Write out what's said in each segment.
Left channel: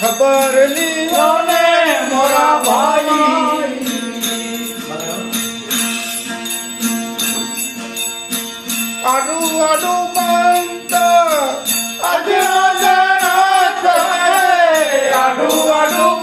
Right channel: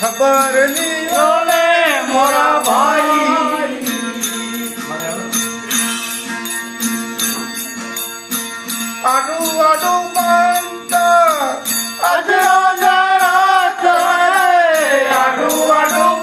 ખબર લીયો ને મોરા ભાઈ આડું આડું બાંધતા અજરા જરા આડું આડું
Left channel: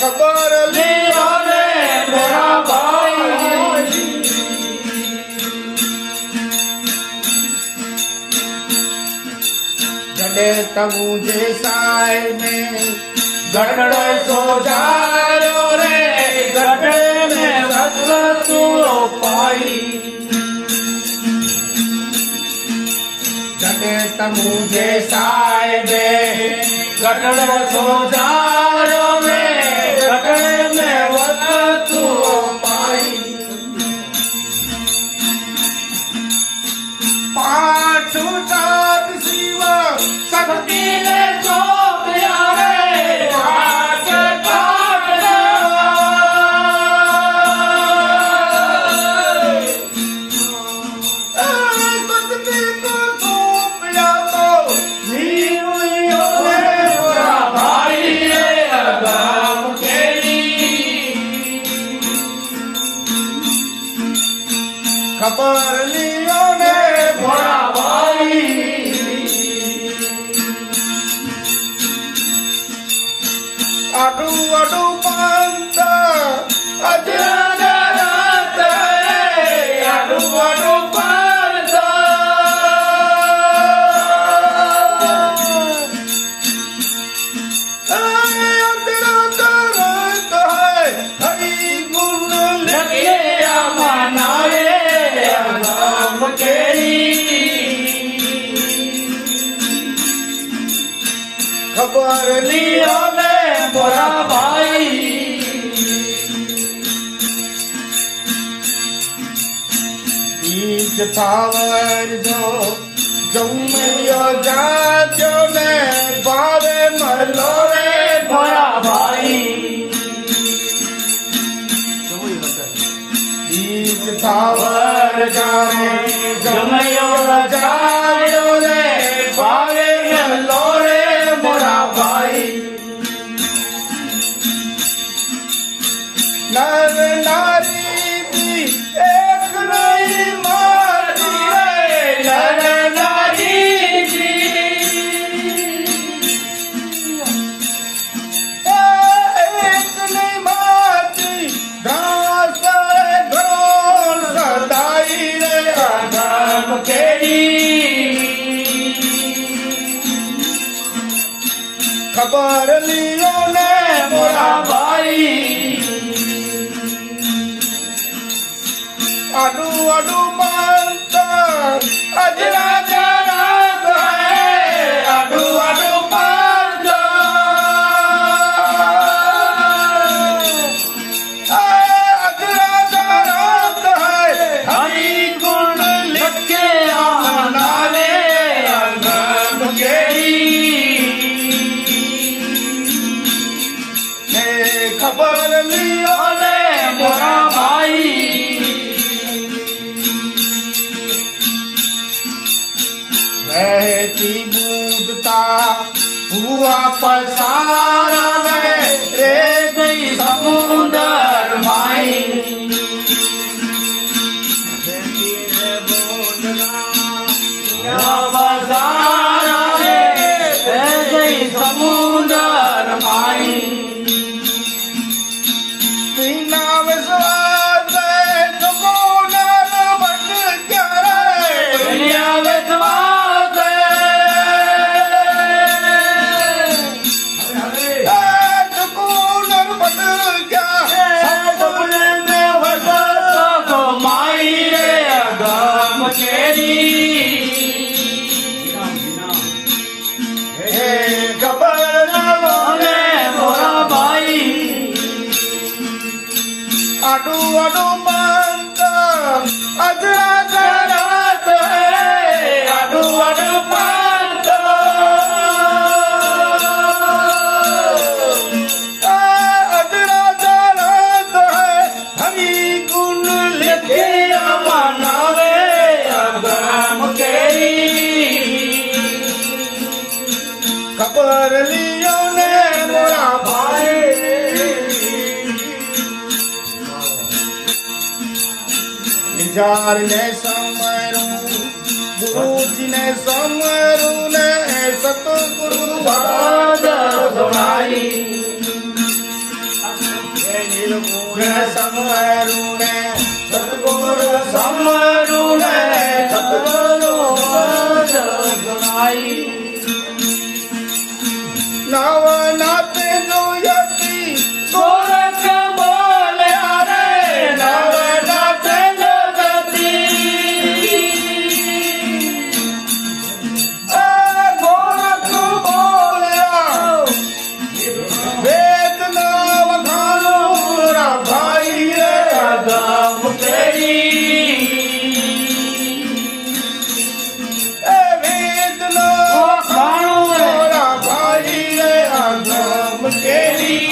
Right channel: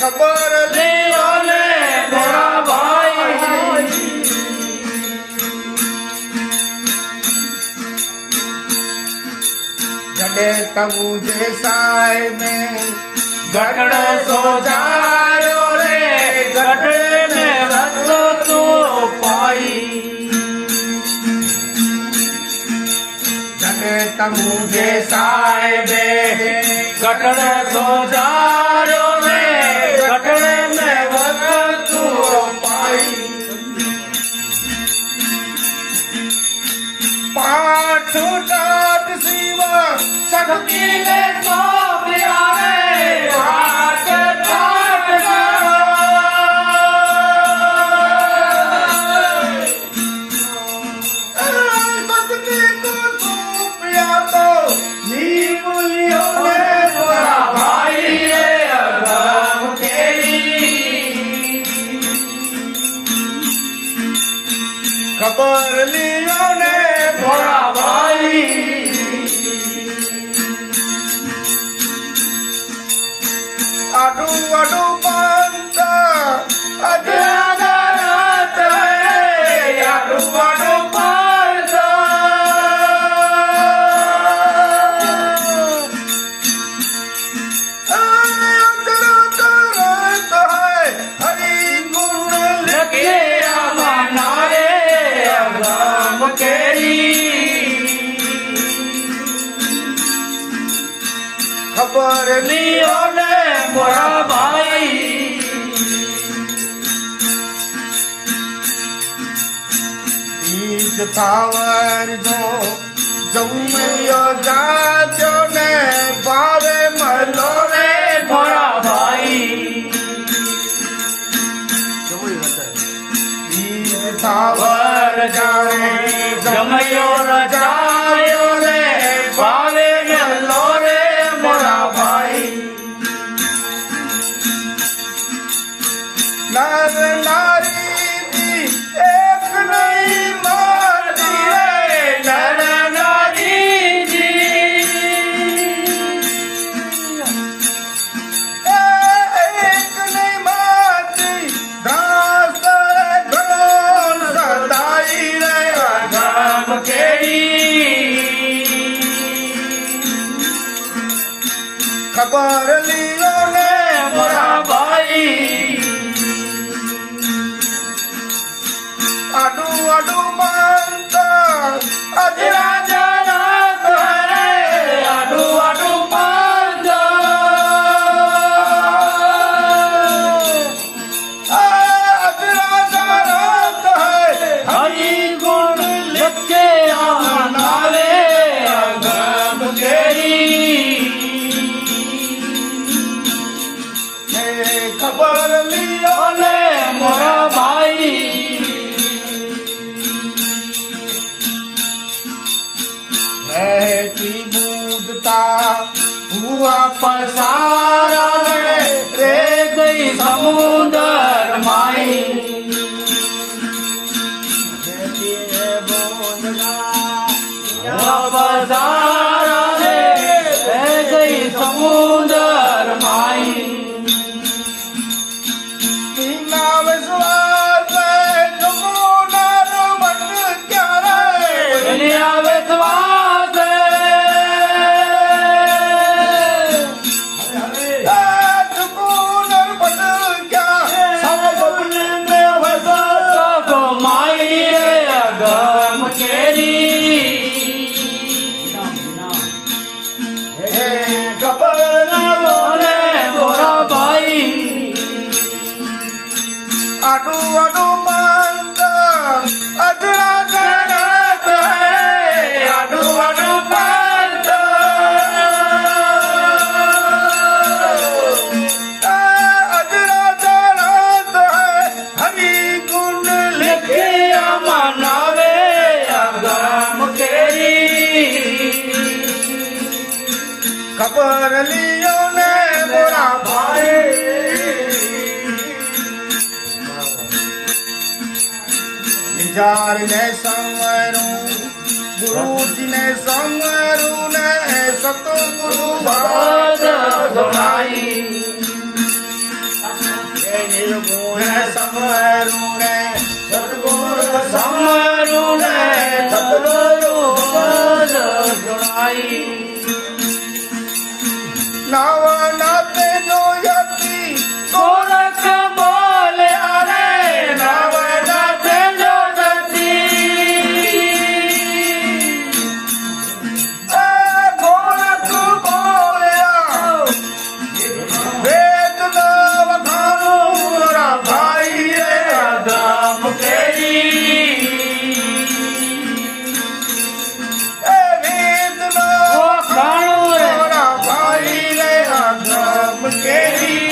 ખબર લીયો ને મોરા ભાઈ गडे तबू जे साय में गड़ सो जायो रे गडे में रस तू पाई गडे तबू जे साय में गड़ सो जायो रे गडे में रस तू पाई पाछू टाट सीवा शक्ति ने जो प्रिया रे हाथ टाट शक्ति को जो प्रिया तो जीव लियो रे मोरा भाई रे अगम केरी खबर लियो ने मोरा भाई आडू आडू पांता अजरा रात है आडू आडू पांता अंदर करत है हरि गुण लगे मनाए अगम केरी खबर लियो ने मोरा भाई बीज थावर जो जम्मियो जाजो ने बारे मलो रे मोरा भाई बीज थावर जाने जम्मियो जायो रे बारे मलो रे मोरा भाई नर नारी दी एक नहीं माती रे नर नारी दी एक नहीं माती दास घरोन सदाई रे अगम केरी खबर लियो ने मोरा भाई आडू आडू पांता अजरा जरा है आडू आडू पांता अजरा जरा है हरि गुण लिखे आमना रे अगम केरी खबर लियो ने मोरा भाई रहती बूंदता हुआ पसारा ने रे गई समुंदर माई रहती है बूंदता पसारा ने रे गई समुंदर माई बिना विश्वास तुमको नर बन क्या रे बिना विश्वास आडू आडू बांधा અધરા જગત હૈ આડું વાડું પાંત અધરા જગત હૈ હરી ગુણ લિખે બનાવે ગામ કેરી ખબર લીયો ને મોરા ભાઈ નિજાર ને સમરું ગુરુજી ને સમરું ને સતગુરુ વાદ ભણાઈ હે નિર્ગુણ સમરું ને સતગુરુ સમરું ને સતગુરુ વાદ ભણાઈ નવ નાતે જો યતી ગોરખ બોલ્યા રે નવ નાતે જો ગોરખ બોલ્યા વેદ નવ ખાનું ભાઈ રે આદમ કેરી વેદ નવ ખાનું ભાઈ રે આદમ કેરી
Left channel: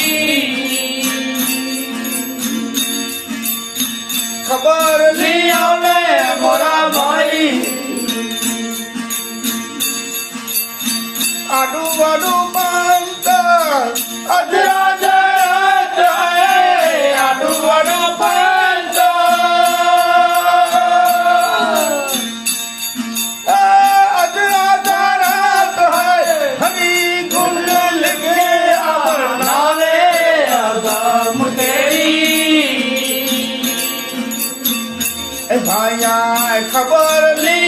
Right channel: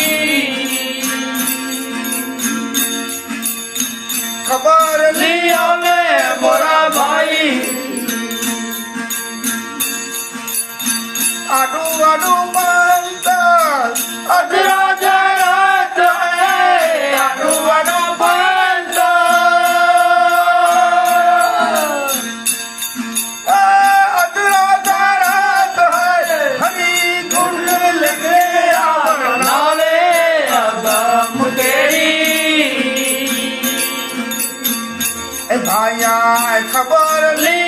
ખબર લીયો ને મોરા ભાઈ આડું વાડું પાંત અધરા જગત હૈ આડું વાડું પાંત અધરા જગત હૈ હરી ગુણ લિખે બનાવે આદમ કેરી એ ભાયા ખબર લી